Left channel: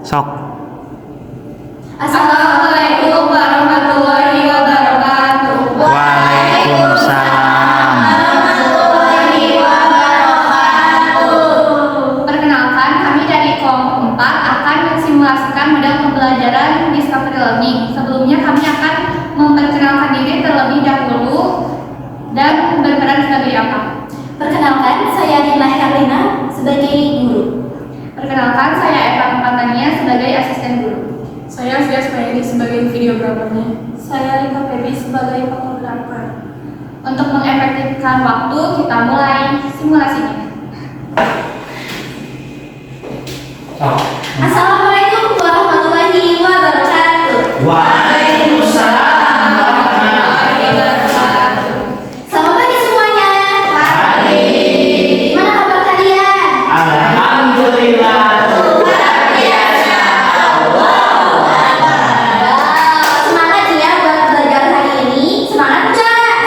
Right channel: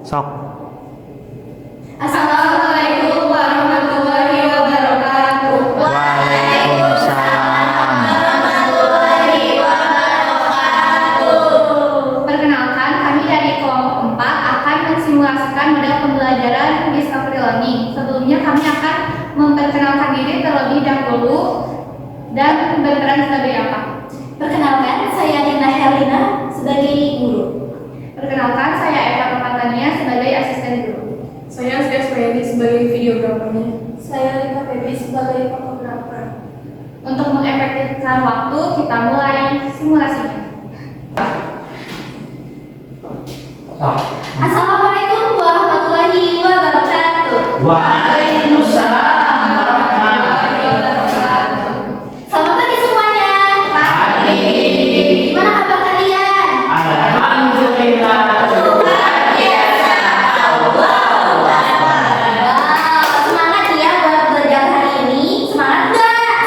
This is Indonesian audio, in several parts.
Sok. Assalamualaikum warahmatullahi wabarakatuh. Waalaikumsalam. Warahmatullahi wabarakatuh. Perkenalkan, kami dari kelompok 4 akan mensimulasikan model pembelajaran Discovery Learning. Sebelumnya kami akan memperkenalkan diri terlebih dahulu dan berperan sebagai apa? Perkenalkan, saya Dina Herlina sebagai guru. Perkenalkan, saya Eva Tempatania sebagai asisten guru. Saya Zia Sprayadi sebagai videografernya. Saya Lika Febi sebagai fotografer. Untuk mengefektifkan waktu, kita mulai simulasinya. Sok. Assalamualaikum warahmatullahi wabarakatuh. Waalaikumsalam. Selamat pagi semuanya. Pagi. Gimana kabar kalian? Alhamdulillah. Semangat ya buat belajar hari ini. Semangat nggak?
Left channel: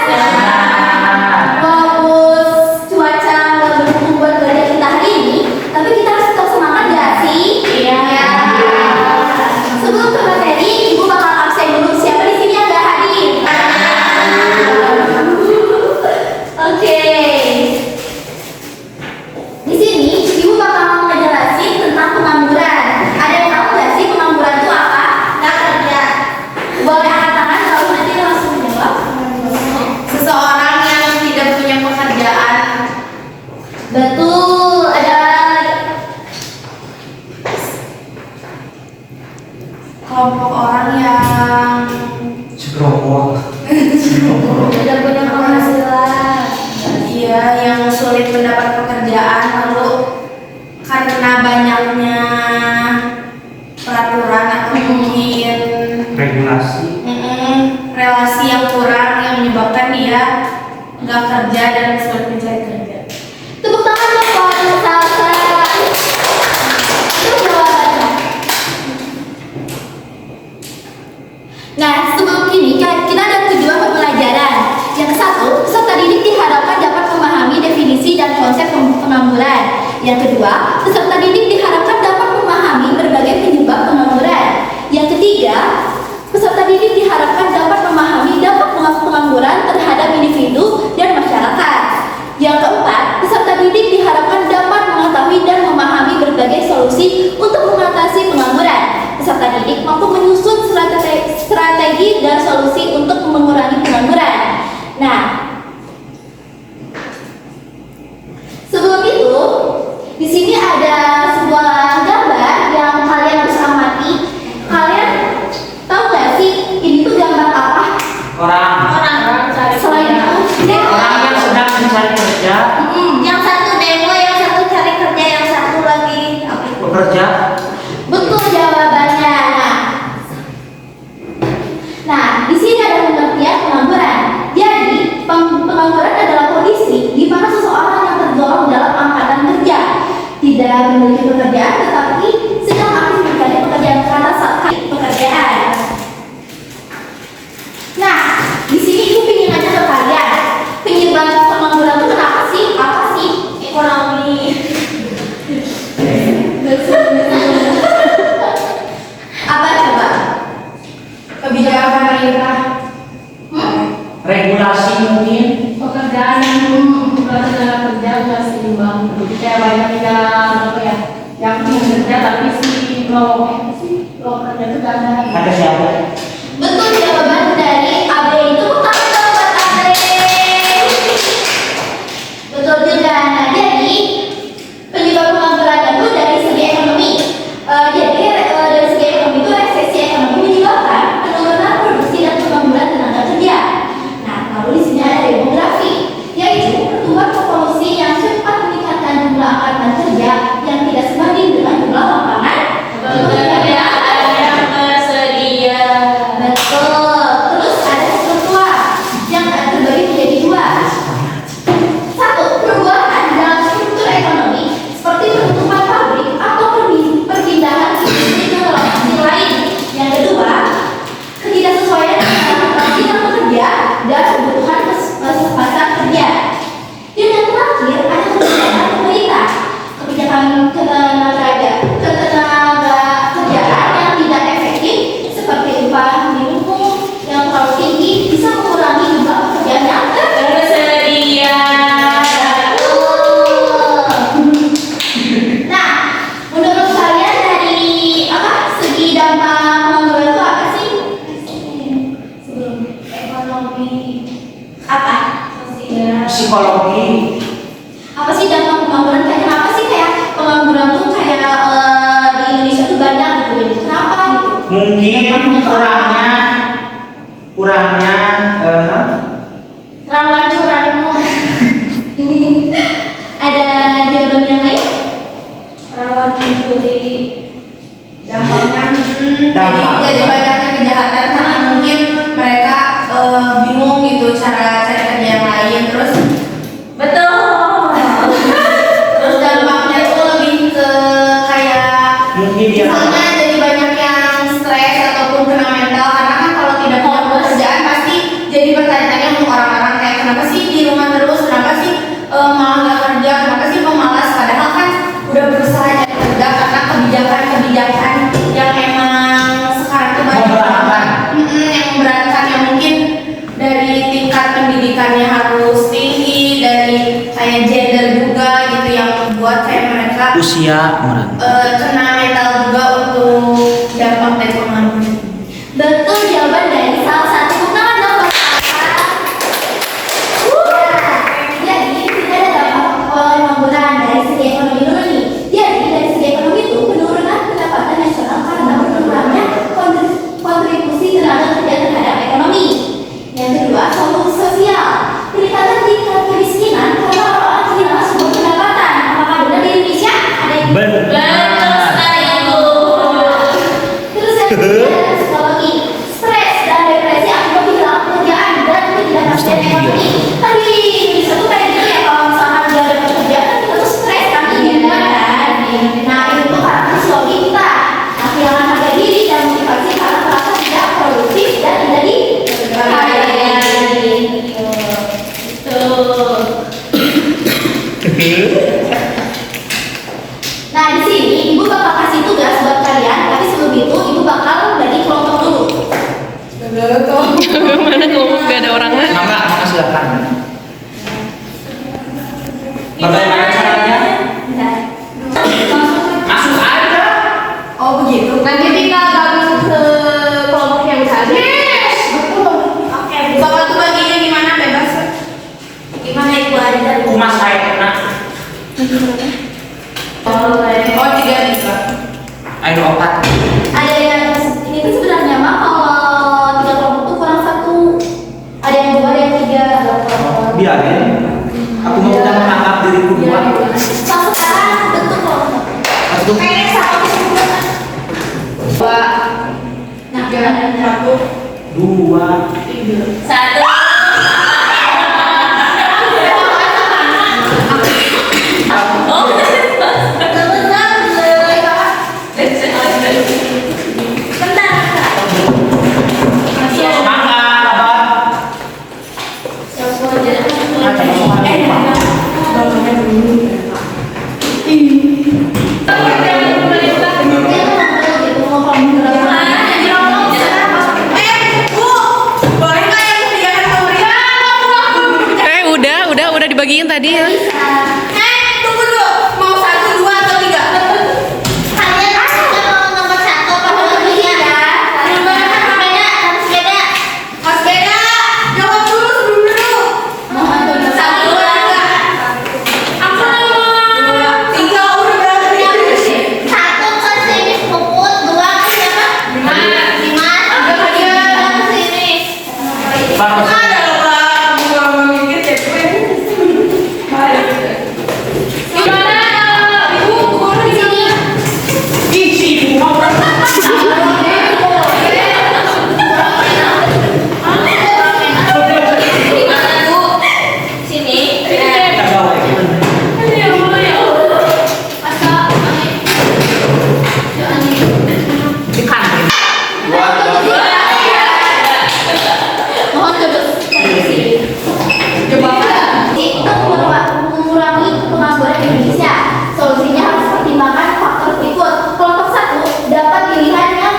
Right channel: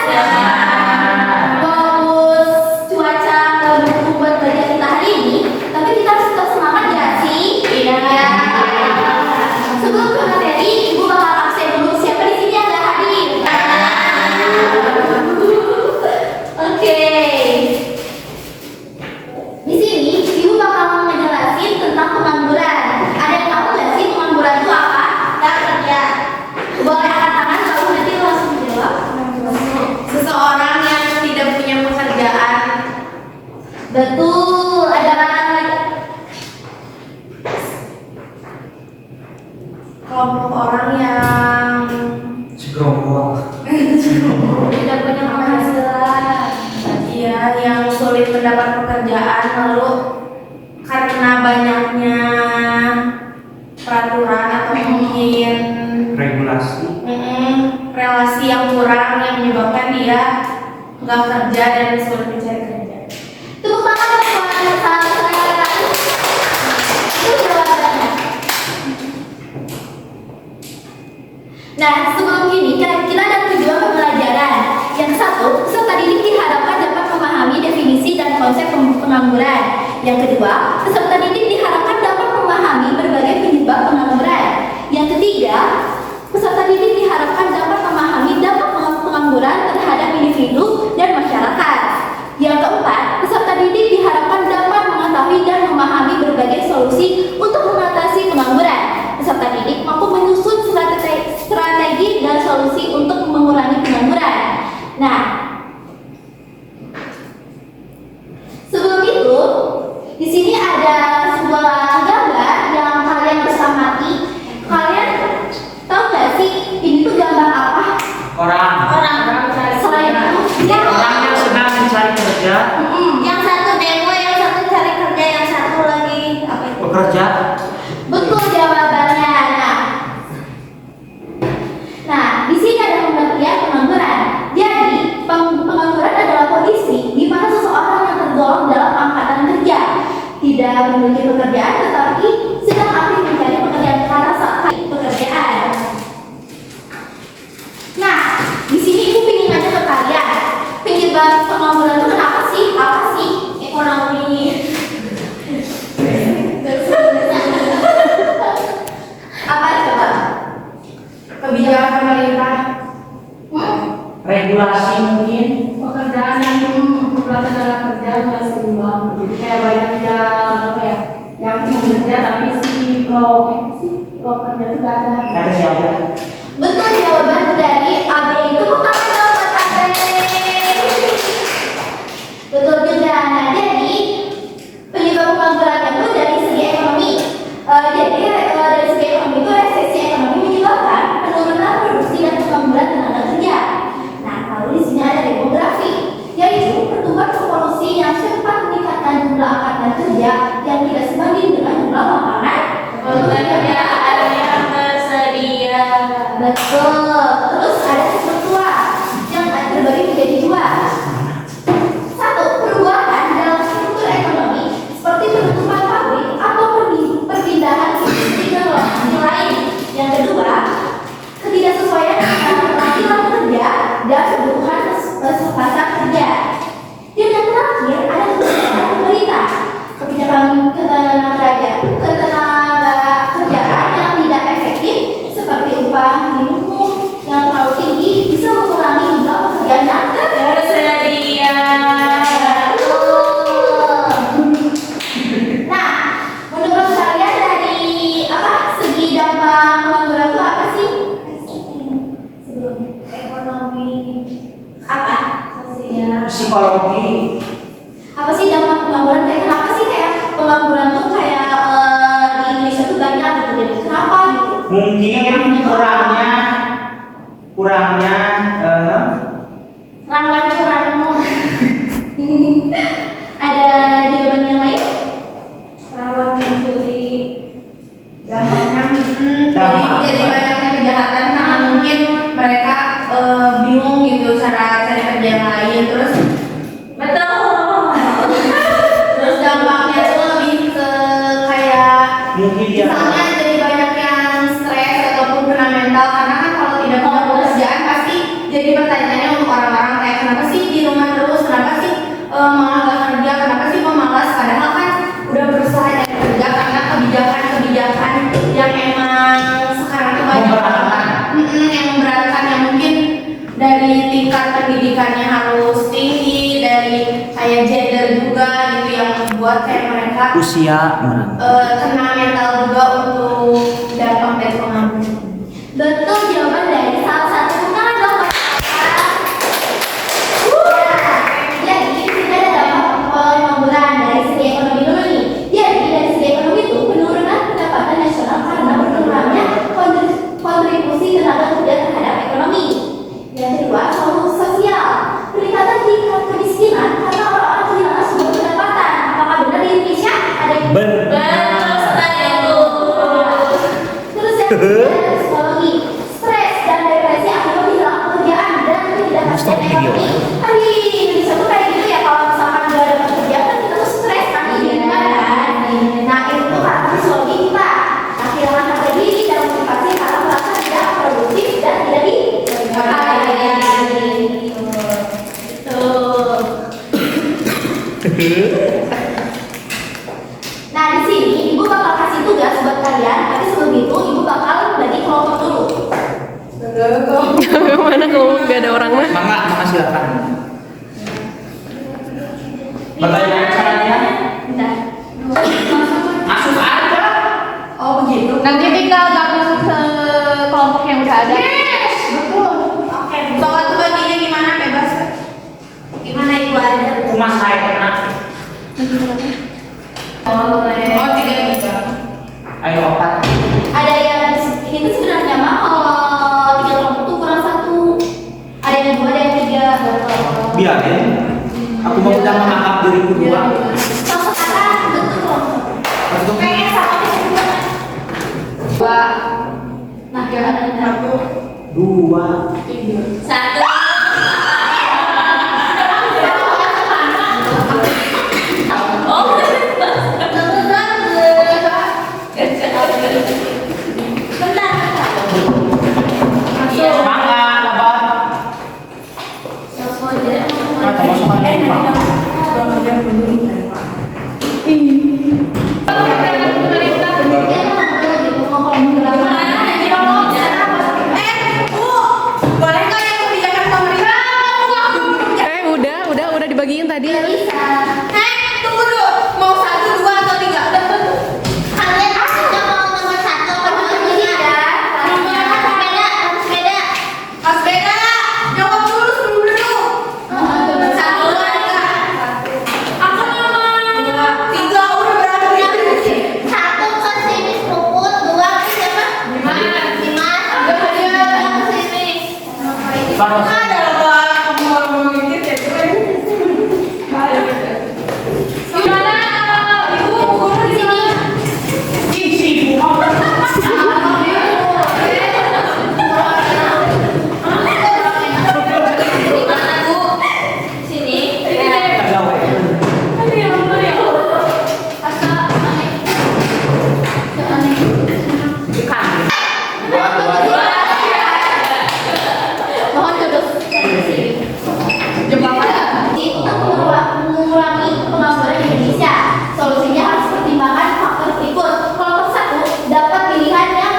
Walaupun cuaca nggak mendukung buat belajar kita hari ini, tapi kita harus tetap semangat nggak sih? Iya. Sebelum ke materi, ibu bakal absen dulu. Siapa di sini yang nggak hadir? Oke. Di sini ibu bakal ngejelasin tentang pengangguran. Ada yang tahu nggak sih pengangguran itu apa? Nggak kerja. Boleh angkat tangan kalau nanti langsung jawab. Seseorang yang tidak punya pekerjaan. Betul. Ada Kelompok orang yang Segerombolan. tidak punya penghasilan. iya yang sulit mendapat pekerjaan, lalu karena banyaknya peraturan atau mungkin Regulasi. relasi yang kurang yang menyebabkan dia nggak kerja dan sulit mencari kerja. Tepuk tangan dong buat sahabat. Itu jawabannya. Nah, sebelum ini kita ada tujuan pembelajaran. Yang satu, peserta didik diharapkan dapat memahami definisi dan konsep pengangguran. Yang kedua, peserta didik diharapkan dapat memahami berbagai penyebab pengangguran. Yang ketiga, peserta didik diharapkan dapat memahami dampak pengangguran terhadap individu dan masyarakat. Yang keempat, peserta didik diharapkan dapat mengetahui dan memahami berbagai solusi untuk mengatasi pengangguran. Peserta didik mampu menyusun strategi dan solusi untuk mengurangi pengangguran. Nah, sebelum itu, di sini ada sebuah gambar yang kalian harus amati. Kalian tahu nggak sih ini tuh gambar apa? Orang Selain itu, yang sedang mencari kerja, yang satu demo, yang satu cari kerja, yang satu lagi apa itu? bekerja. Betul jawabannya. Nah, di sini ada pengertian pengangguran. Jadi, pengangguran adalah kondisi di mana seseorang yang tergolong dalam angkatan kerja tidak memiliki pekerjaan tetapi sedang aktif mencari pekerjaan karena saat pekerjaan. Nah, di sini ibu ingin nanya ke kalian, penyebab pengangguran itu kenapa sih? Apa sih? Ekonomi. Apa coba? Kebijakan pemerintah, Regulasi mungkin. pekerjaan bukan tenaga kerja nggak seimbang. Jadi kayak banyak yang ingin kerja tapi lo kerja itu nggak ada. Ada siapa? Betul jawaban dari AB itu bukan buat AB. Betul juga. Nah, jadi penyebab pengangguran itu dari segi ekonomi. Dari segi ekonomi itu resesi ekonomi menyebabkan penurunan produksi dan pengangguran tenaga kerja. Nah, lalu di sini ada demografi, yaitu pertumbuhan populasi yang cepat meningkatkan jumlah angkatan kerja yang tidak sebanding dengan jumlah lapangan pekerjaan yang tersedia. Mungkin kurangnya Rawan curangmu. Ada jawaban yang lain? Rawan mencuri. Dampaknya Jadi banyaknya kejahatan karena mungkin mereka bingung gitu cara cari kerja yang lain, terus terus dampaknya tuh lebih ke kayak mungkin dia misalnya jadi banyak yang stres ataupun kena mental karena kan kalau tidak punya pekerjaan pasti jadi bertanya-tanya untuk orang-orang kayak kenapa sih di rumah terus, kenapa sih malah nggak kerja, kenapa sih pemalas, padahal kan udah berusaha cari kerja karena kebijakan yang emang sekarang tuh banyak Memberatkan. yang memberatkan, yang mungkin dari tingkat pendidikannya harus tinggi, dari kayak gender juga gitu yang membuat kayak mereka usia orang. kena mental juga untuk dampak dari pengaruhnya. Betul jawaban dari salah satu tangan dong. Jadi tidak ada dampak pengangguran dari segi ekonomi dulu nih. Jadi dari segi ekonomi itu penurunan pendapatan nasional karena berkurangnya kontribusi tenaga kerja terhadap ekonomi. Yang kedua, solusi sosial. Peningkatan tingkat kemiskinan karena orang-orang kehilangan sumber pendapatan. Apakah benar di Indonesia? Ada yang Benar. Terus yang ketiga, psikologi, stres dan depresi akibat kehilangan pekerjaan dan ketidakpastian ekonomi. Tadi bisa tuh kayak gitu ya, kalau misalkan nggak ada pekerjaan kan kita tuh stres kan, kan? Nah itu tuh karena psikologi kita, nah, kehilangan harga diri dan motivasi karena merasa tidak produktif dan tidak dihargai. Nah di sini ibu bakal kasih tugas buat kalian, tapi sebelum itu ibu bakal bagi kelompok dulu. Mana kamu gak ada orang mana? Maka silakan. Bagaimana caranya? Bentar. Masuk aja. Oh begitu. Nanti tinggal gabung ke kelompok yang udah ada. Yes, betul. Oke, bakal tuh baginya gimana bebas? Gimana ibu aja? Kumas saya kena. Oh tidak bisa. Ayo opat. Ada yang ini tuh sebenarnya mah kalau 3 kelompok tuh kurang 1. Ada yang 2, ada yang 3. Biarin. Aku mau udah menangkap diriku dua. Kalau sekarang bentuk kelompok. Satu. Kayak satu kesimpulan. Nah, Satu, Dua. tiga. Satu. Semangat, abang. Macam apa? Boleh nggak yang kebijakan pemerintah? Udah dibagiin tadi ya. Tunggu dulu. Mau 1, 2 atau 3? Kalian sudah mau nomor 1 apa nomor 3? Sepeda. Mas Beda, jawab dulu sebelum dulu. Mohon tunggu. 1, 2, 3. Apa? 3 udah berarti. 1 ke sini Puput, 2 ke siapa? Dimas. Ke sini. Bagus. Ada loh, Pak. Kamu mau mikir deh, gue. Gimana Ibu guru di sini? Isi dua. Sini. Mohon duduk. Untuk mengurangi pengangguran di Indonesia, solusinya harus pertimbangkan faktor berikut. Kelompok 1 dapat pilihannya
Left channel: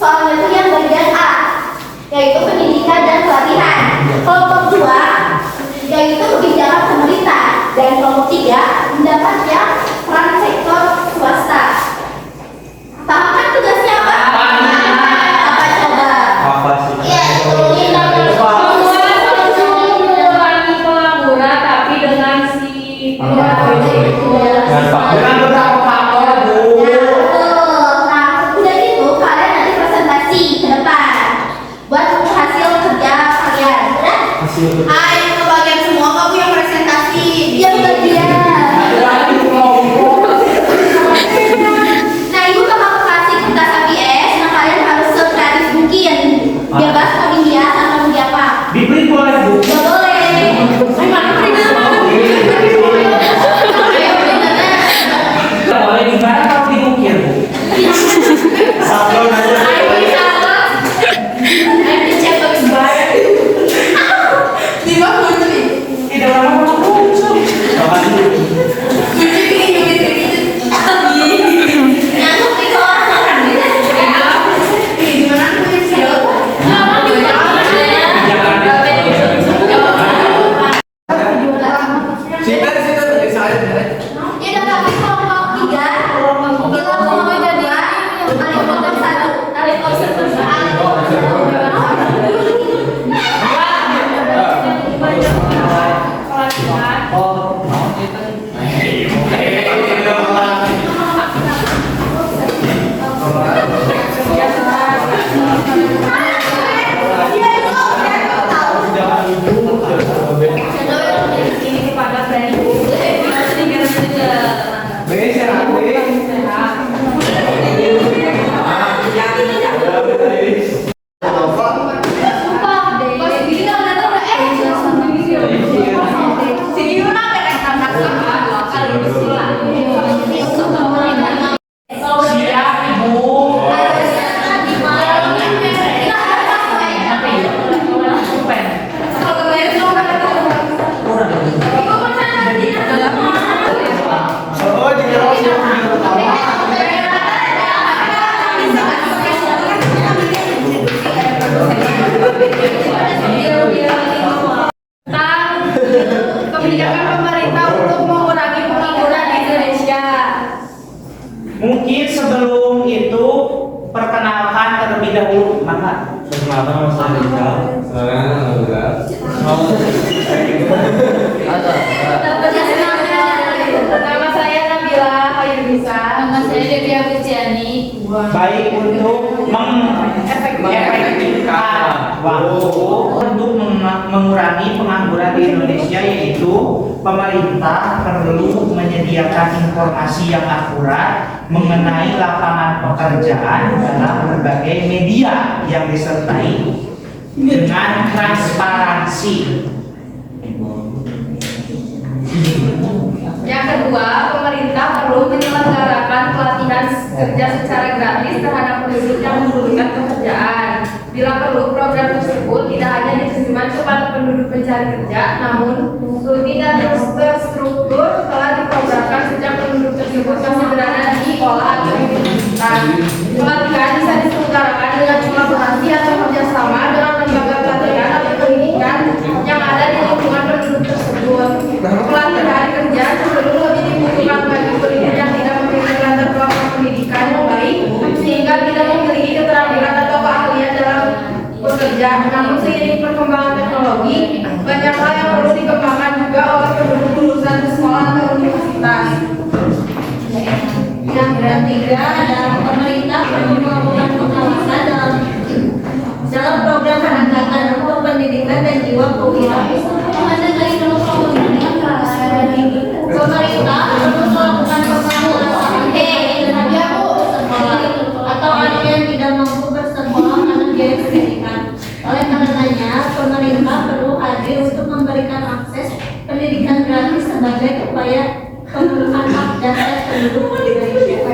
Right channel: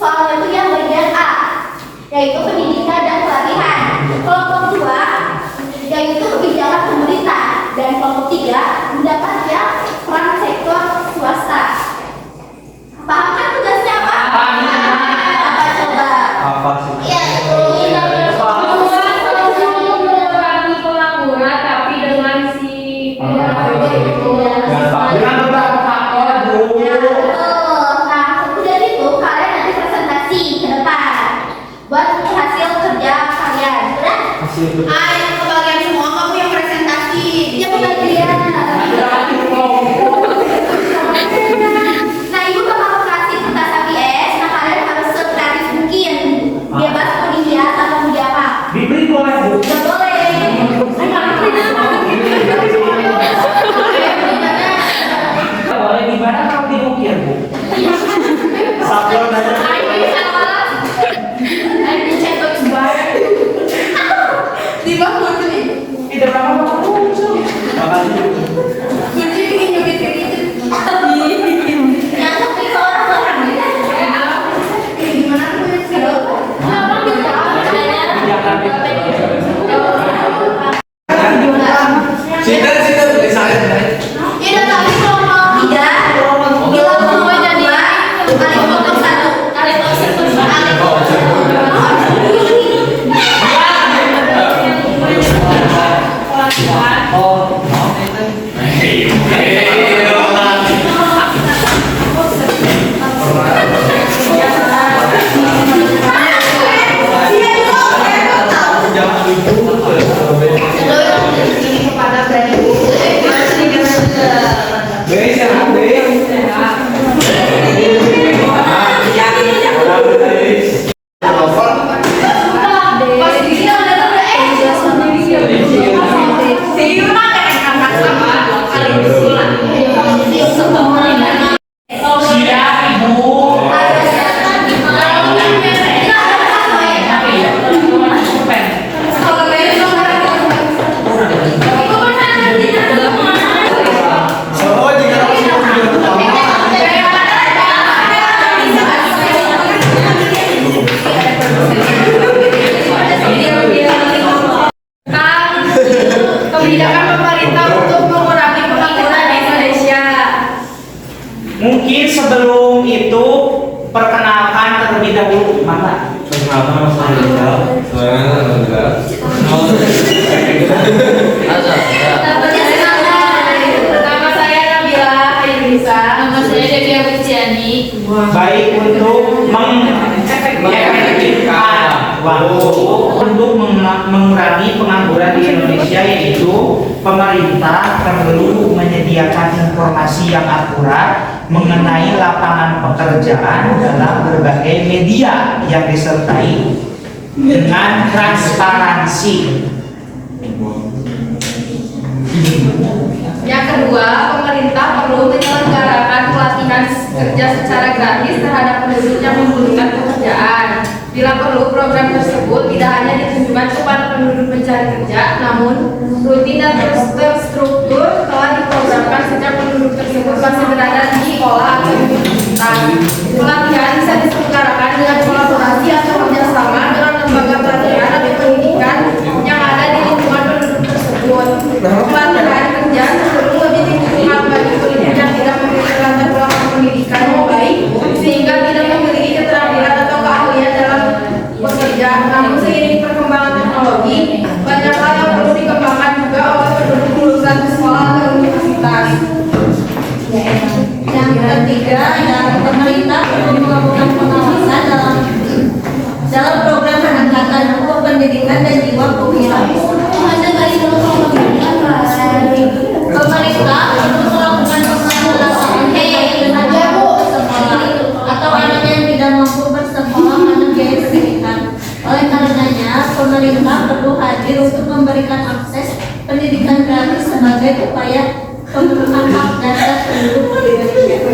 soalnya itu yang bagian A, yaitu pendidikan dan pelatihan. Kelompok 2 yaitu kebijakan pemerintah, dan kelompok 3 mendapatnya peran sektor swasta. Paham kan tugasnya apa? Paham. Apa coba? Apa sih? Iya, ini nomor mengurangi pengangguran tapi dengan si Dengan beberapa faktor, Bu. Nah, mungkin sebelum itu perkenalkan terlebih dahulu. Mana? Perkenalkan nama saya Rizal. Nama saya Nabila Hairunisa. Nama saya Devi Agustiani. Baik, untuk mengefektifkan waktu untuk mengurangi pengangguran di Indonesia, yaitu pemerintah perlu menyediakan informasi yang akurat mengenai lapangan pekerjaan dalam berbagai media yang disertai dengan transparansi. Yang kedua, pemerintah perlu menyelenggarakan pelatihan kerja secara gratis terhadap penduduk yang membutuhkan pekerjaan. Bila perlu, program tersebut tidak hanya ditujukan kepada penduduk pencari kerja, namun rutin dan terstruktur telah diprogramkan sejak penduduk tersebut masih berada di sekolah atau universitas. Pelatihan bisa diselenggarakan dengan kolaborasi atau kerjasama dengan lembaga pelatihan atau pendidikan yang ada di lingkungan penduduk tersebut. Pelatihan kerja cenderung lebih dibutuhkan bagi penduduk yang tidak memiliki latar belakang pendidikan yang baik, sehingga tidak memiliki keterampilan atau keahlian dalam bekerja. Namun seiring perkembangan teknologi, banyak hal yang perlu dikembangkan juga oleh penduduk lulusan sekolah atau universitas. Yang ketiga adalah pemerintah perlu melakukan pengawasan dalam program penegakan hukum pendidikan dan jiwa kewirausahaan. Pemerintah perlu melakukan pengawasan terhadap sekolah atau anak yang tidak mampu bersekolah karena biaya pendidikan. Oleh karenanya, pemerintah perlu hadir untuk memberikan akses pendidikan gratis sebagai upaya pemenuhan hak dasar penduduk Indonesia.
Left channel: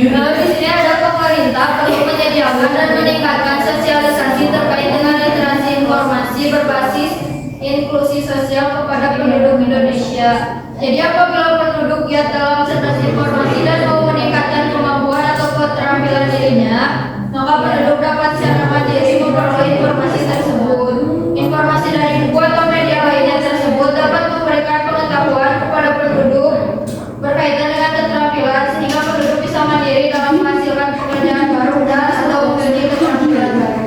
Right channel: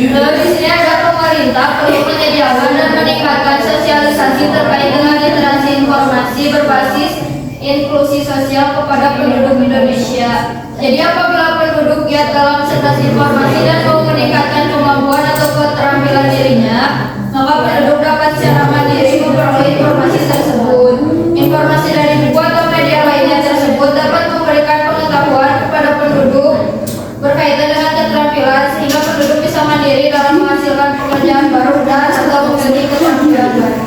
Di sini ada pemerintah perlu menyediakan dan meningkatkan sosialisasi terkait dengan literasi informasi berbasis inklusi sosial kepada penduduk Indonesia. Jadi apabila penduduk giat dalam sertas informasi dan mau meningkatkan kemampuan atau keterampilan dirinya, maka penduduk dapat secara mandiri memperoleh informasi tersebut. Informasi dari buku atau media lainnya tersebut dapat memberikan pengetahuan kepada penduduk berkaitan dengan keterampilan, sehingga penduduk bisa mandiri dalam menghasilkan pekerjaan baru dan atau mengganti keterampilan baru.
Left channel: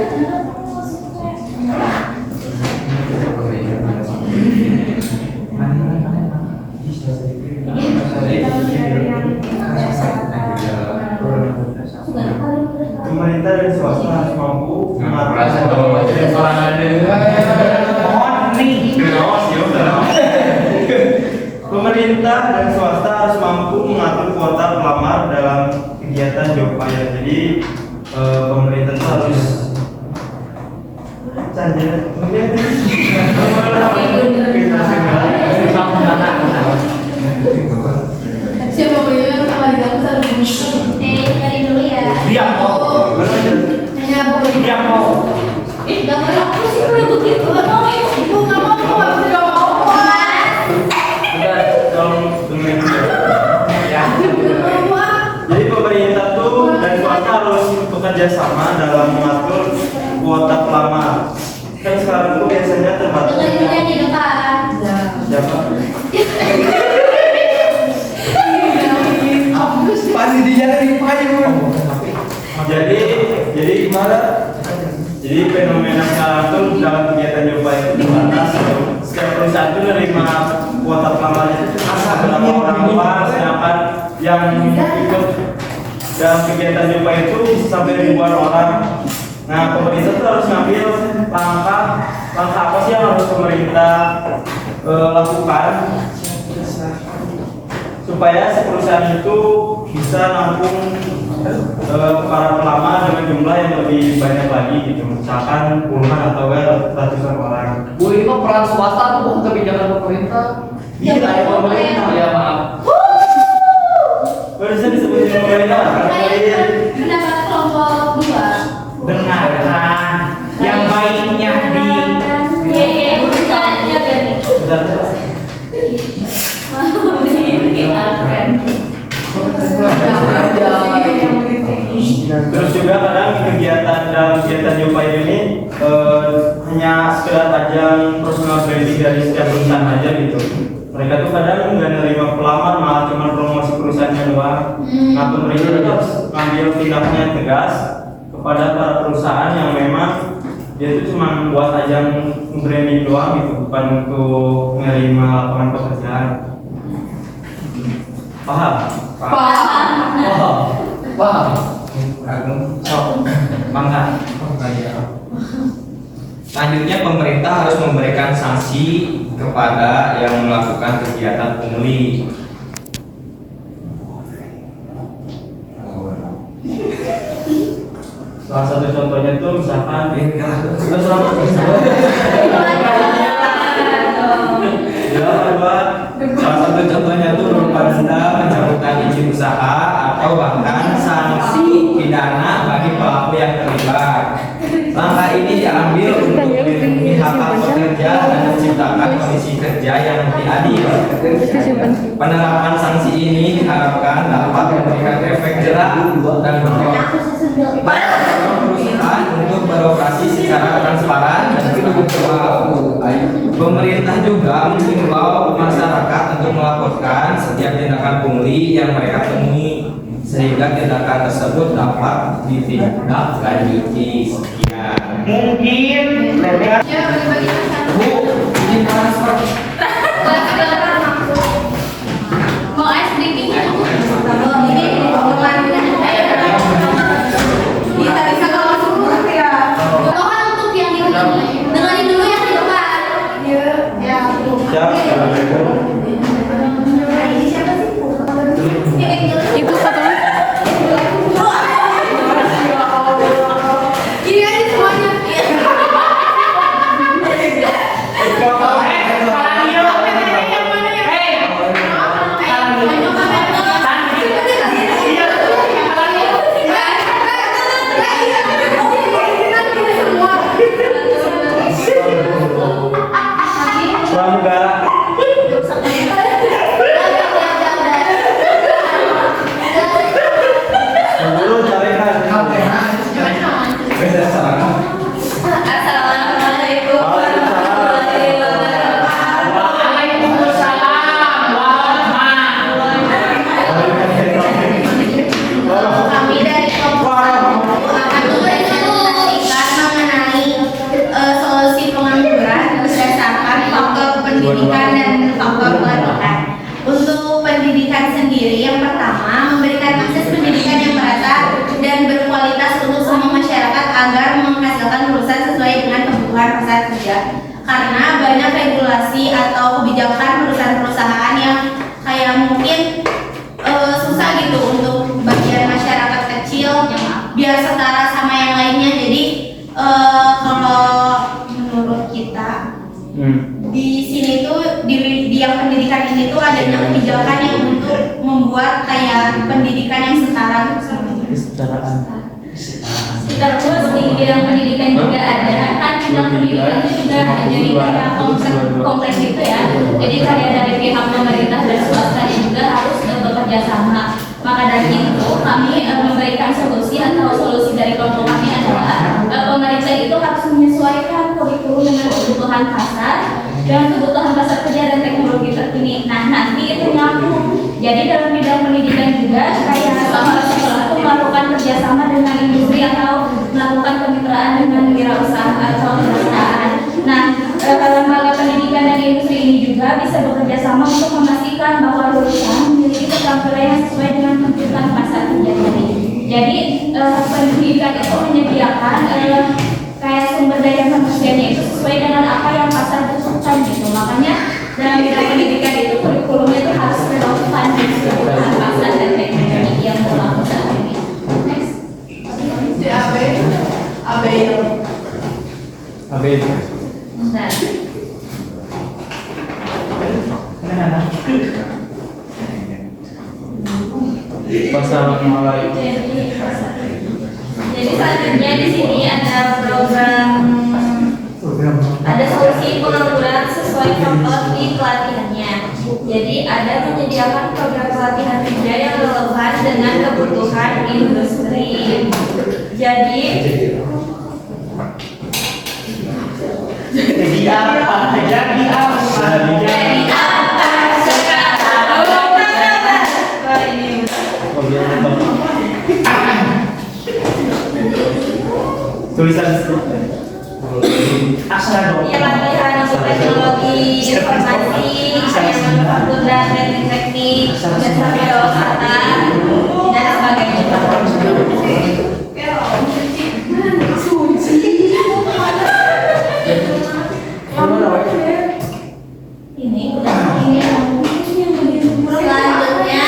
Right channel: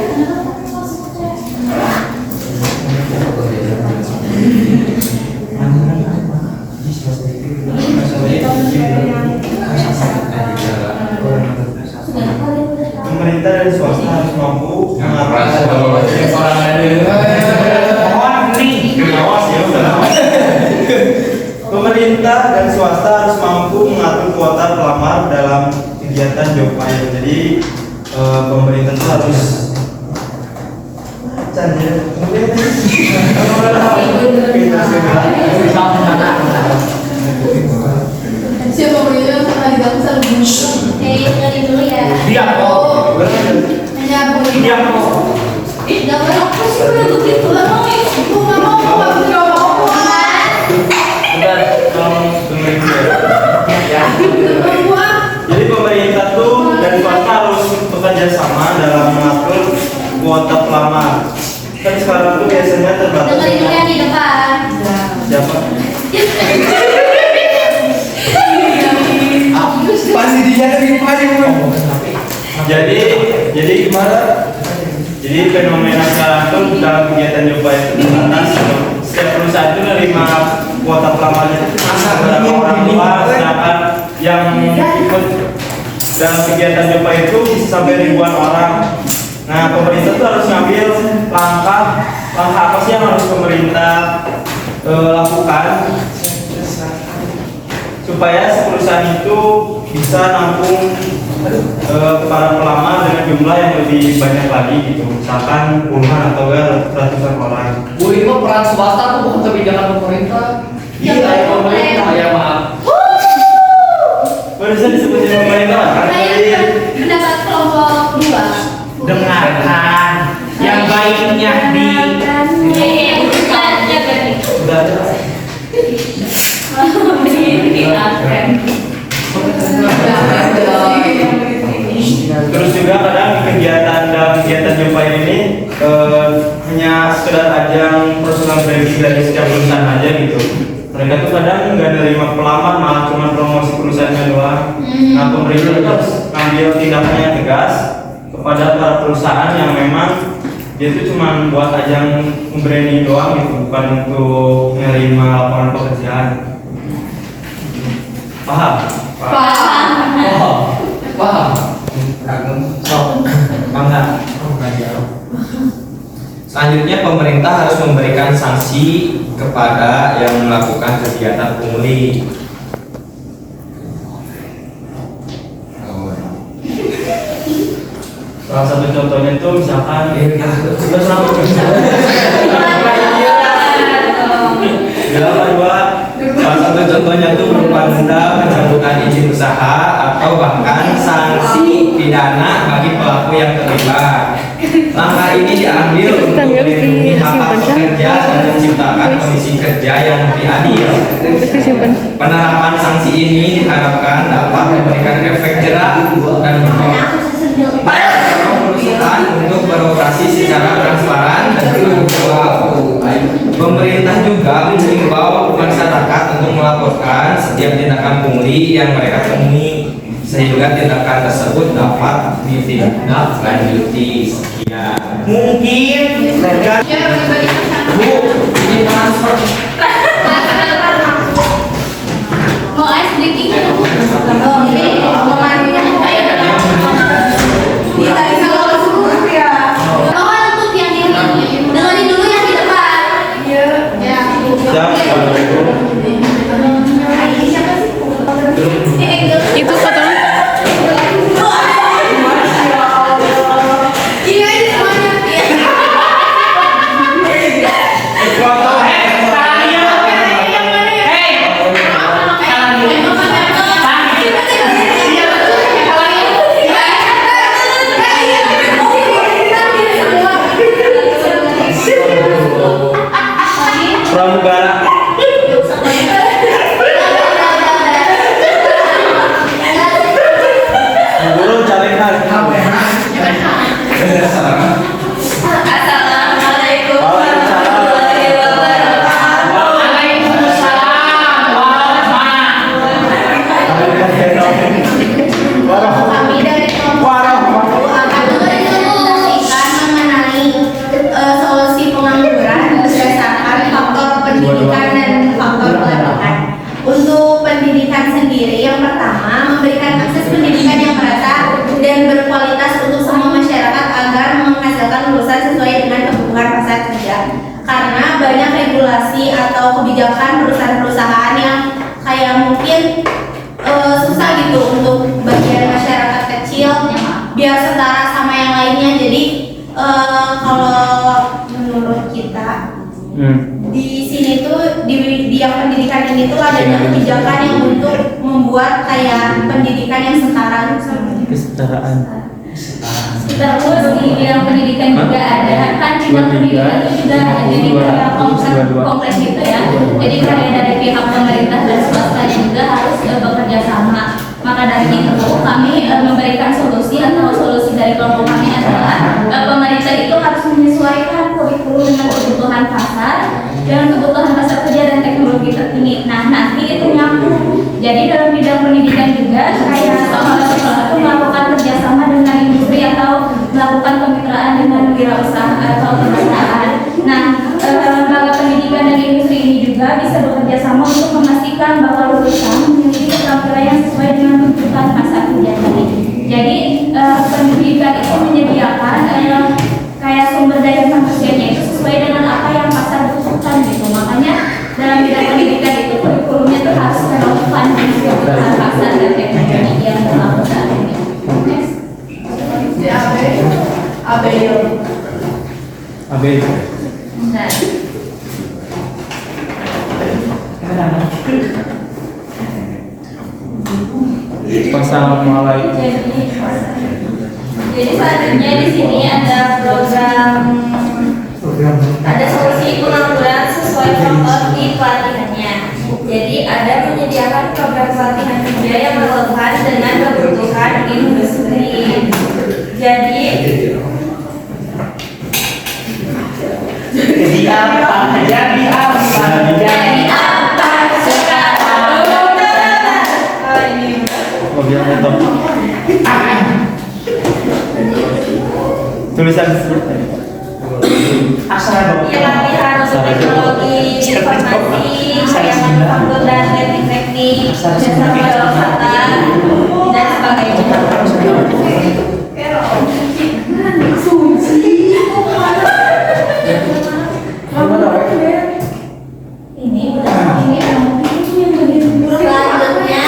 Pemerintah dan swasta harus mampu mengatur Pemerintah dan swasta harus mampu mengatur kuota pelamar dalam kegiatan job fair. Jadi pemerintah itu harus Siapa punya tenaga besar Dari dulu ya. Diam kok. Diam kok. Gak boleh aku sih begitu. Itu nggak mau Jadi pemerintah tuh dan swasta harus bekerja sama dalam mengatur kuota pelamar. Kan sekarang tuh biasanya terbatas. dengerin dulu yang di depan. Siapa? Pasti dijari Jadi gimana? Jadi fenomena sekarang tuh dalam kegiatan job fair itu terbatas. Setiap perusahaan itu menerima kuota pelamarnya itu berapa orang doang, sedangkan yang ikut dalam kegiatan job fair itu bisa sampai ribuan orang. Nah, pemerintah tuh harus ngambil langkah apa sih yang harus pemerintah lakukan supaya perusahaan itu bisa nampung para pelamar dengan jumlah yang lebih banyak lagi gitu, misalkan puluhan atau ratusan orang. Bu, itu peran swasta tuh bukan kebijakan pemerintah. Ya, ya pemerintah ya maaf. Barusan disebutin pemerintah kan? Pendapat kelompok 2. Dengarkan yang baiknya di Sudah ada. Terus juga kadang dalam kegiatan job fair ini hanya sekedar ajang personal branding dari setiap perusahaan aja gitu. mereka tuh kadang nggak nerima pelamar, malah cuma promosi perusahaannya doang. Nah, pemerintah harus ambil tindakan yang tegas kepada para perusahaan yang memang dia itu cuma buat ajang branding doang gitu, bukan untuk menerima lapangan pekerjaan. Paham? Paham. Bangga. Selanjutnya pemerintah harus memberikan sanksi kepada yang melakukan kegiatan pungli. Salah satu contohnya itu misalkan Salah satu contohnya itu berupa denda, pencabutan izin usaha, atau bahkan sanksi pidana bagi pelaku yang terlibat. Langkah ini diambil untuk melindungi hak pekerja dan menciptakan kondisi kerja yang lebih adil. Penerapan sanksi ini diharapkan dapat memberikan efek jerak dan mendorong perusahaan untuk beroperasi secara transparan dan terbuka. Pemerintah juga mengimbau masyarakat untuk melaporkan setiap tindakan pungli yang mereka temui sehingga tindakan tersebut dapat ditindaklanjuti. Sekian. Mungkin mereka Bu, ini transfer. Mau ice drinking? Mohon untuk yang di dengerin dulu yang di depan. Itu fotonya. pramugara. Dulu carikan. Assalamualaikum warahmatullahi wabarakatuh. Kami dari kelompok 1 akan mempresentasikan mengenai solusi pengangguran berdasarkan faktor pendidikan dan faktor pelatihan. Untuk pendidikan sendiri, yang pertama memberikan akses pendidikan yang merata dan berkualitas untuk semua masyarakat agar menghasilkan lulusan sesuai dengan kebutuhan pasar kerja. Karena banyak regulasi atau kebijakan perusahaan-perusahaan yang kayak mungkin susah gitu untuk bagian masyarakat kecil biar setara sama yang lainnya. Jadi kalau menurut kita di sini tuh di yang pendidikan ini tuh adanya kebijakan yang untuk membuat kayak pendidikan yang setara. Kesetaraan. Terus di bidang pendidikan juga ada, kan bidang pendidikan itu juga ada jadi kayak kompleks gitu ya. Jadi kayak dari pihak pemerintah dan swasta juga harus bekerja sama. Maka dari itu kami memberikan solusi atau solusi dari kelompok kami adalah pemerintah itu harus menyesuaikan kurikulum dengan kebutuhan pasar dan kebutuhan pasar kerja dan teknologi terkini. Nah, nanti itu nyambung. Jadi dalam bidang pendidikan juga kayak sekolah-sekolah itu melakukan kerjasama dengan industri atau melakukan kemitraan dengan wirausaha atau perusahaan. Nah, lembaga pendidikan dan industri ini juga bisa bekerja sama untuk memastikan bahwa lulusan memiliki keterampilan yang sesuai dengan kebutuhan pasar kerja tadi. Jadi pendidikan itu menyediakan kayak sumber daya manusianya itu sesuai dengan apa yang pasar butuhkan gitu. Makanya dalam bidang pendidikan itu kurikulumnya tuh harus relevan dengan kebutuhan pasar dan teknologi yang berlaku saat ini. Next. AB. Bentar. Wassalamualaikum. Jadi selanjutnya di sini ada ada solusi pengangguran sesuai faktor di pelatihannya. Jadi ada menyediakan program pelatihan kerja yang relevan dengan kebutuhan industri. Jadi Jadi apa? tulisan Ya, latihan untuk teknologi informasi, kayak manufaktur dan teknik-teknik, jasa pariwisata dan sebagainya. Selanjutnya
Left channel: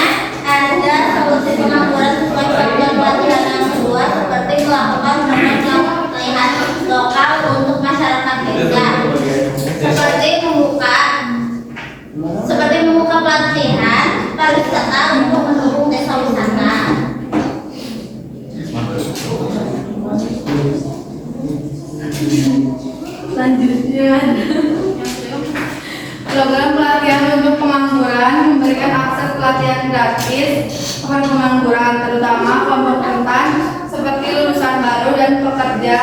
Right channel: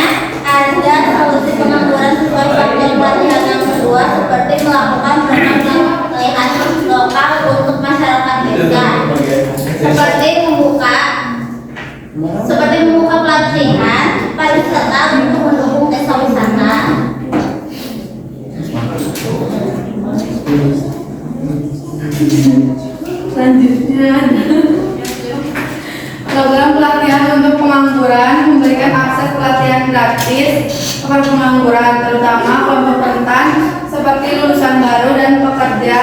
ada solusi pengangguran sesuai satuan pelatihan yang kedua seperti melakukan program pelatihan lokal untuk masyarakat desa seperti membuka pelatihan pariwisata untuk mendukung desa wisata. Selanjutnya, program pelatihan untuk pengangguran memberikan akses pelatihan gratis kepada pengangguran, terutama kelompok rentan seperti lulusan baru dan pekerja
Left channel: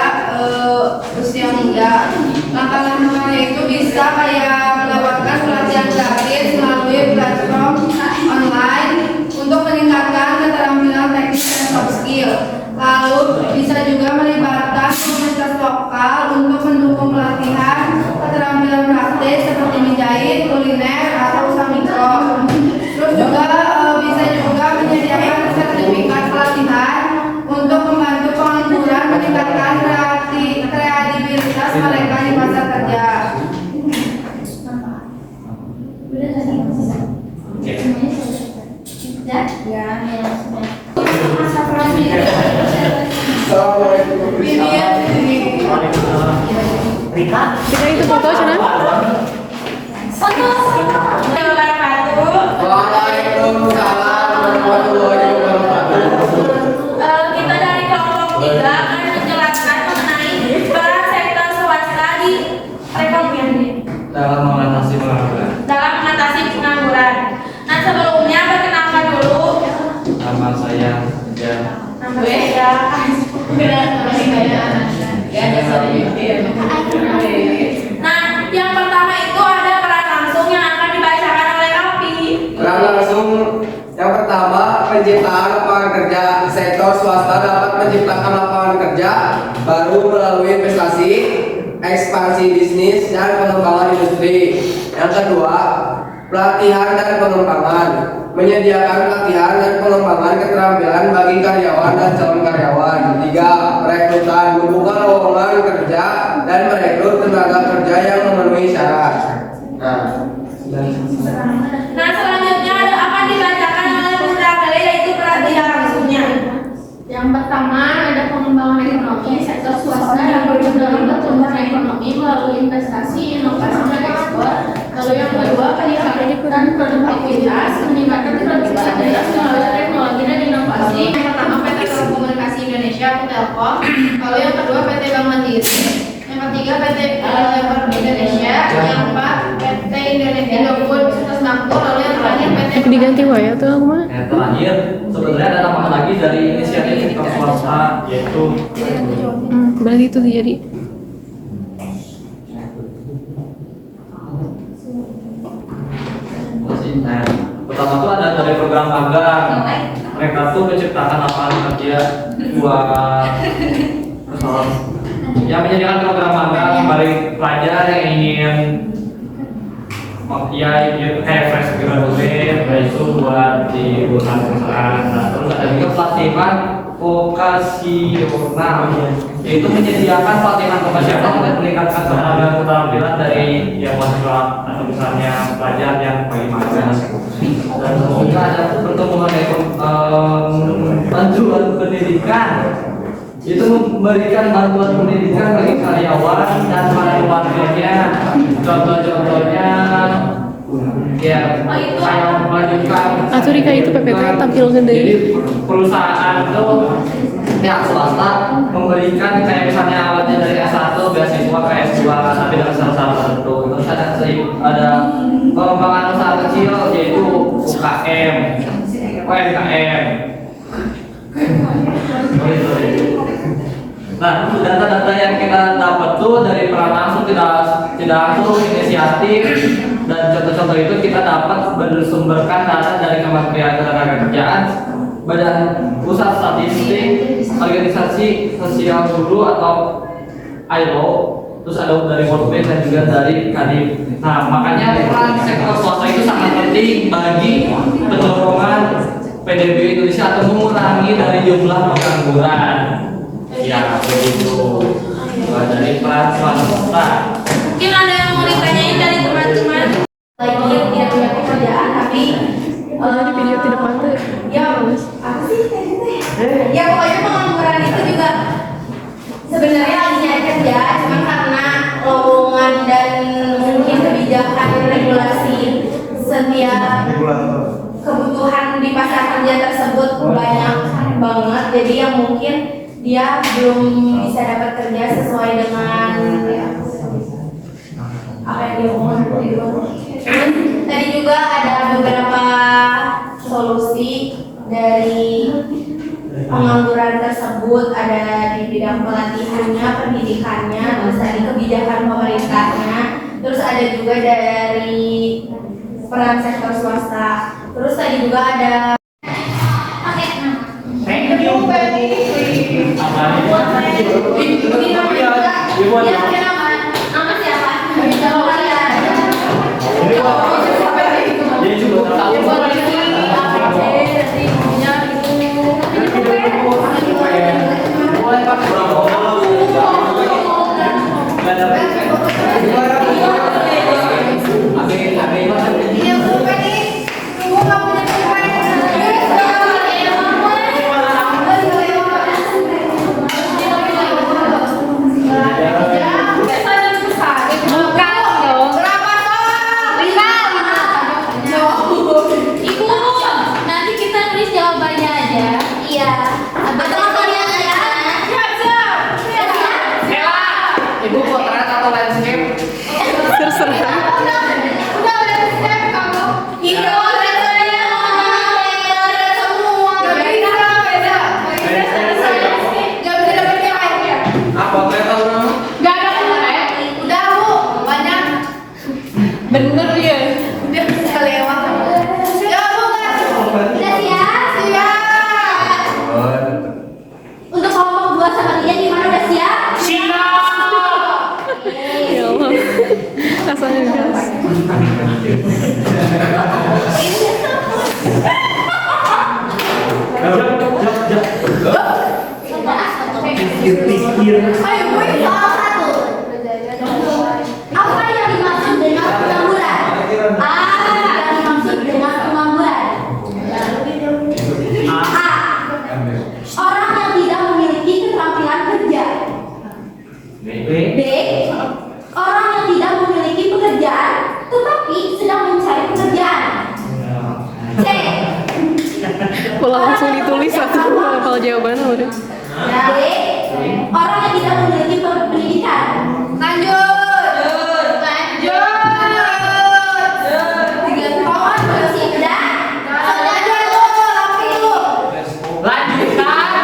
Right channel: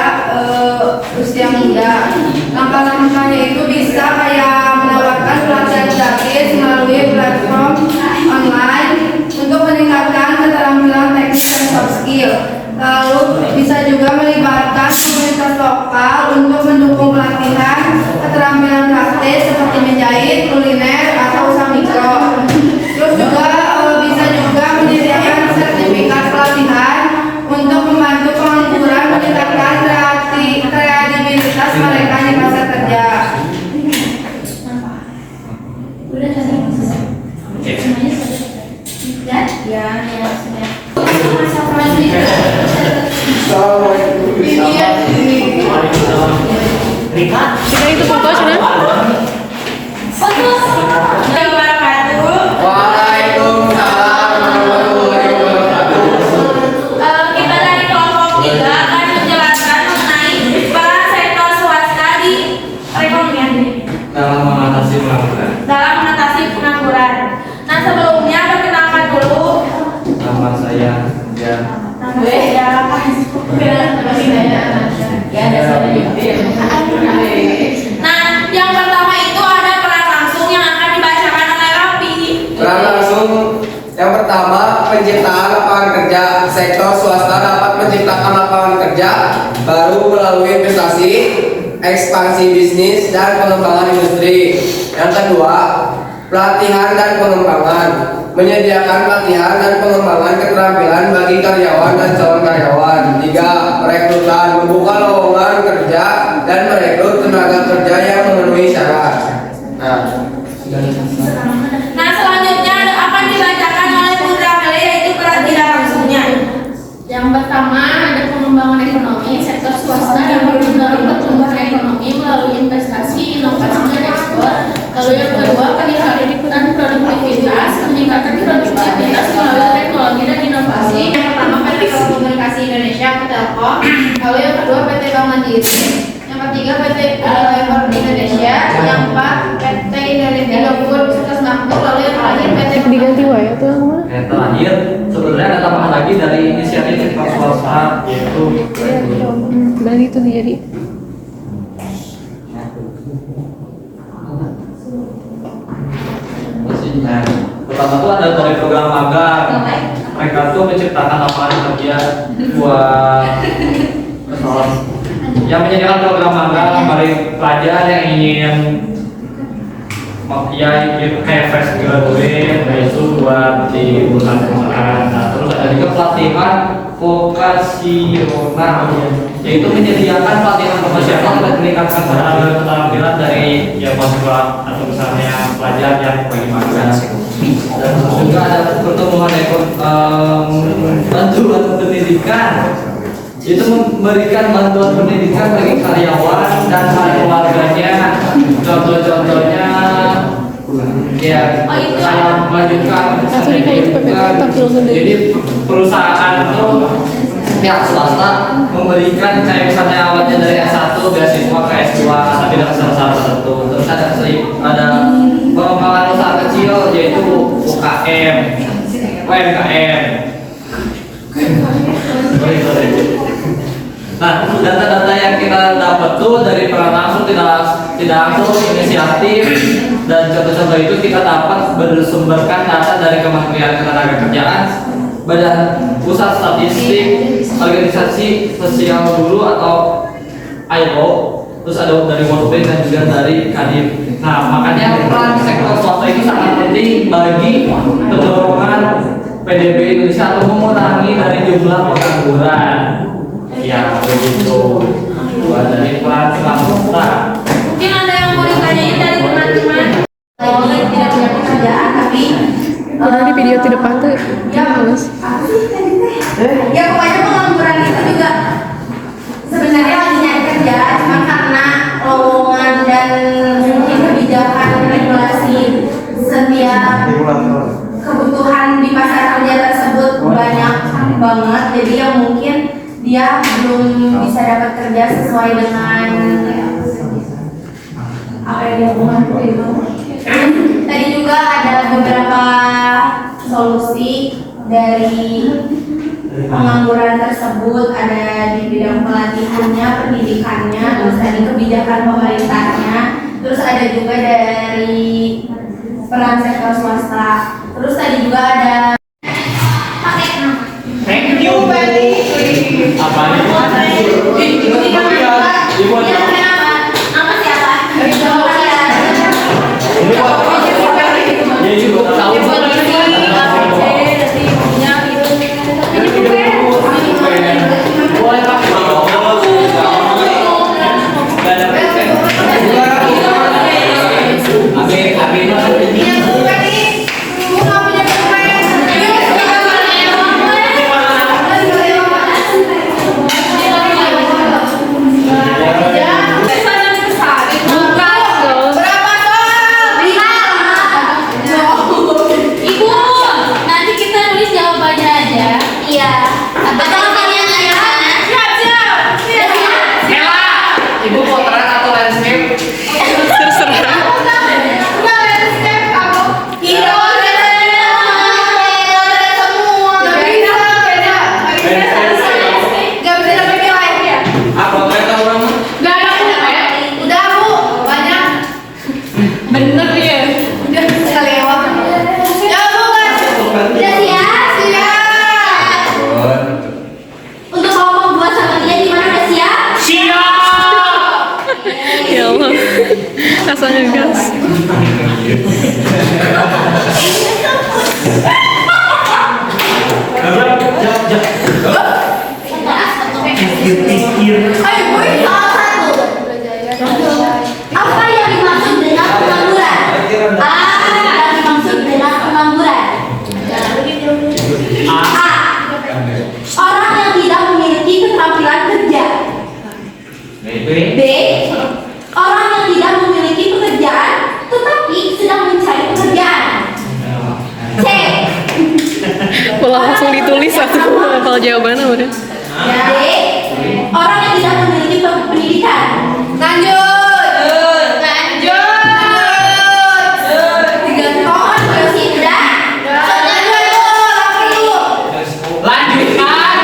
usia muda. Langkah-langkahnya itu bisa kayak menawarkan pelatihan gratis melalui platform online untuk meningkatkan keterampilan teknis dan soft skill. Lalu bisa juga melibatkan komunitas lokal untuk mendukung pelatihan keterampilan praktis seperti menjahit, kuliner, atau usaha mikro. Terus juga bisa juga menyediakan sertifikat pelatihan untuk membantu pengangguran meningkatkan kreativitas mereka di pasar kerja. Rika. Sudah itu foto sudah? Kita dari kelompok 3 akan menjelaskan mengenai peran sektor swasta di perekonomian dalam mengatasi pengangguran. dalam mengatasi pengangguran. Nah, sebelumnya perkenalkan dulu Nama saya ya. nama saya. Nah, yang pertama itu ada peran langsung yang akan dibacakan oleh Raffi. Peran langsung yang pertama, penciptaan lapangan kerja. Sektor swasta dapat menciptakan lapangan kerja baru melalui investasi, ekspansi bisnis, dan pengembangan industri. Yang kedua, pelatihan dan pengembangan. Menyediakan pelatihan dan pengembangan keterampilan bagi karyawan dan calon karyawan. 3. Perekrutan, membuka lowongan kerja dan merekrut tenaga kerja yang memenuhi syarat. Nah, selanjutnya akan dibacakan oleh Bunda Meli, yaitu peran tidak langsungnya. Yang pertama ada pengembangan ekonomi. Sektor swasta dapat mendorong pertumbuhan ekonomi melalui investasi, inovasi, dan ekspor. Lalu yang kedua, peningkatan produktivitas, meningkatkan produktivitas melalui teknologi dan inovasi. Yang pertama PT Komunikasi Indonesia atau Telkom. Lalu yang kedua PT Bank Mandiri. Yang ketiga PT Lebar Indonesia. Yang keempat PT Indofood Sukses Makmur. Lalu yang terakhir PT Diganti wae tuh aku mah. Yang terakhir, sebenarnya ada tambahan lagi dari inisiatif sektor swasta yaitu Bagi itu jadi. Nah, pertama tuh ada dari program magang. Mereka tuh menciptakan lapangan kerja buat pesohor. Yang menyediakan program magang bagi pelajar yang ingin ya kayak fresh graduate, itu buat di perusahaan-perusahaan. Nah, terus ada juga pelatihan vokasional, yaitu menyediakan pelatihan vokasional untuk meningkatkan keterampilan dari ya mahasiswa atau misalnya pelajar yang bagi magang. Dan terus juga ada pertumbuhan bantuan pendidikan, itu memberikan bantuan pendidikan bagi karyawan dan keluarganya. Contoh-contohnya ya saya melanjutkan Atau dikayak PPK tampil sendiri. jadi perusahaan itu pihak swasta memberikan kayak misalnya awalnya dari S1 beasiswa ke S2 tapi dengan syarat tertentu. Terus ada pengembangan usaha kecil yaitu UKM, UMKM. Nah, data-data yang kita dapat tuh dari peran langsung tidak langsung inisiatif dan contoh-contoh itu kita dapat bersumberkan data dari Kementerian Ketenagakerjaan, Badan Pusat Statistik, organisasi sosial guru atau ILO, terus ada dari World Bank dan juga dari Kadin. Nah, makanya peran sektor swasta itu sangat penting bagi pendorongan PDB Indonesia atau mengurangi dari jumlah pengangguran. Ya, begitu. Dari peran swasta. Mungkin ada yang mau ditanyain dari teman-teman lagi tidak punya pekerjaan tapi Di video di depan tuh males. ya pokoknya pengangguran itu juga sebenarnya lagi nyari kerja cuma karena lowongan dan mungkin kebijakan regulasi setiap kebutuhan di pasar kerja tersebut banyak banget, jadi yang mungkin dia belum bisa dapat kerja sesuai dengan apa yang dia omongin. Tadi juga ada beberapa solusi dari pengangguran tersebut, ada di bidang pelatihannya, pendidikannya, terus tadi kebijakan pemerintahnya, terus ada juga dari peran sektor swasta, terus tadi juga ada Thank you. Apa nih? nama siapa? Ya juga tahu. Boleh Pak. Ibu, nanti kita nulis jawabannya aja. Iya. Abang-abangnya ya. Siap. Ibu potret atau landscape? Terserah. Apa mereka orang? Bener ya, udah kelewat. Ya bukan. Udah siap? Untuk ngomong buat sama dia di mana udah siap? Ya Allah. Rasanya gas. Ayo, boy, soal satu. Apa yang dimaksud dengan pengangguran? Yang dimaksud dengan pengangguran. A. Orang yang tidak memiliki keterampilan kerja. B. Orang yang tidak memiliki pekerjaan tetapi sedang mencari pekerjaan. C. Malah langsung ditulis satu hafal jawabannya udah. D. Orang yang tidak memiliki pendidikan. Digantung terus udah. Lanjutkan.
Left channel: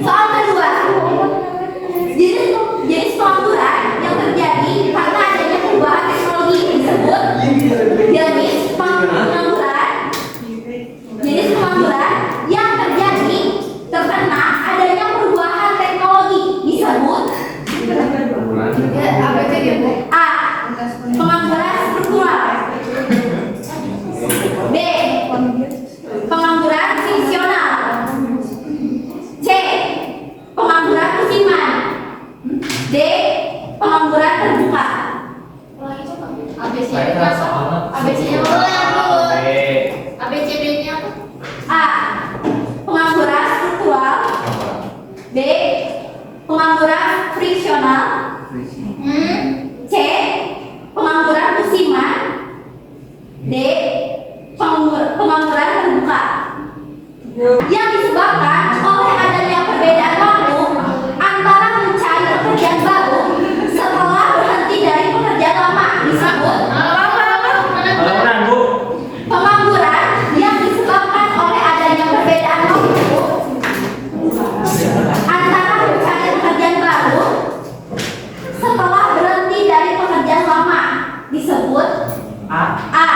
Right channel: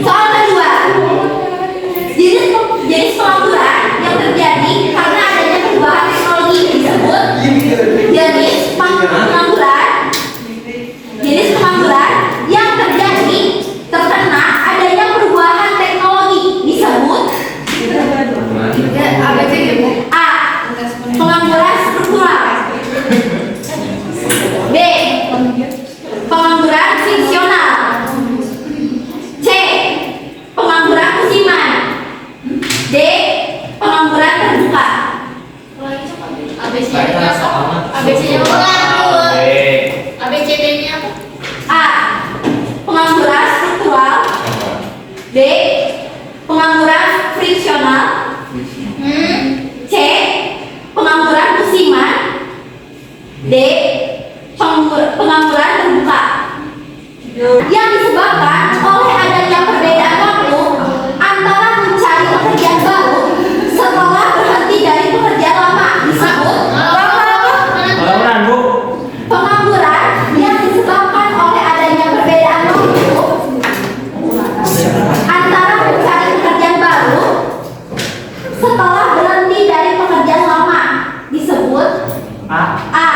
Soal kedua, jenis pengangguran yang terjadi karena adanya perubahan teknologi disebut jenis pengangguran yang terjadi terkena adanya perubahan teknologi disebut A. Pengangguran struktural. B. Pengangguran fungsional. C. Pengangguran musiman. D. Pengangguran terbuka. ABC-nya apa? A. Pengangguran struktural. B. Pengangguran friksional. C. Pengangguran musiman. D. Pengangguran terbuka. Yang disebabkan oleh adanya perbedaan waktu antara mencari pekerjaan baru setelah berhenti dari pekerjaan lama disebut pengangguran yang disebabkan oleh adanya perbedaan waktu antara mencari pekerjaan baru setelah berhenti dari pekerjaan lama disebut A.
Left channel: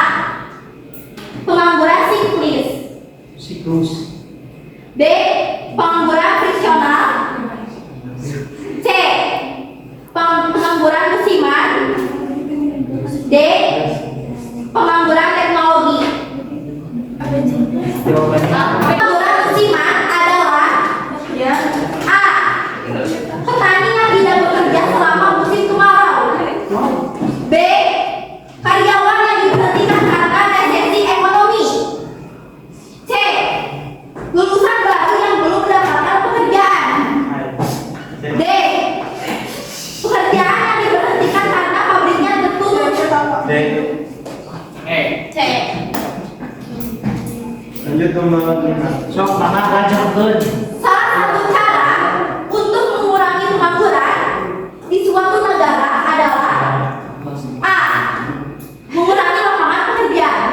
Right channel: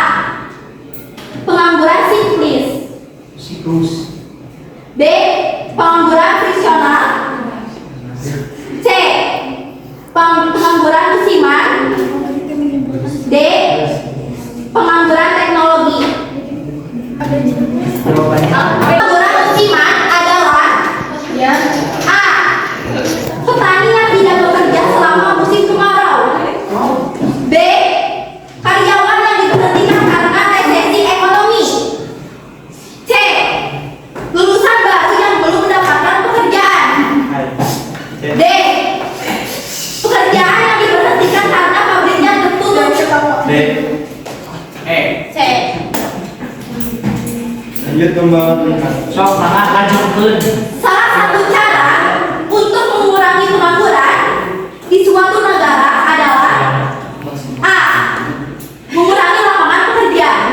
Pengangguran siklus. B. Pengangguran Lanjut nomor 4. Sok mangga lanjutkeun. Salah satu cara untuk mengurangi pengangguran di suatu negara adalah A. Mengurangi lapangan pekerjaan.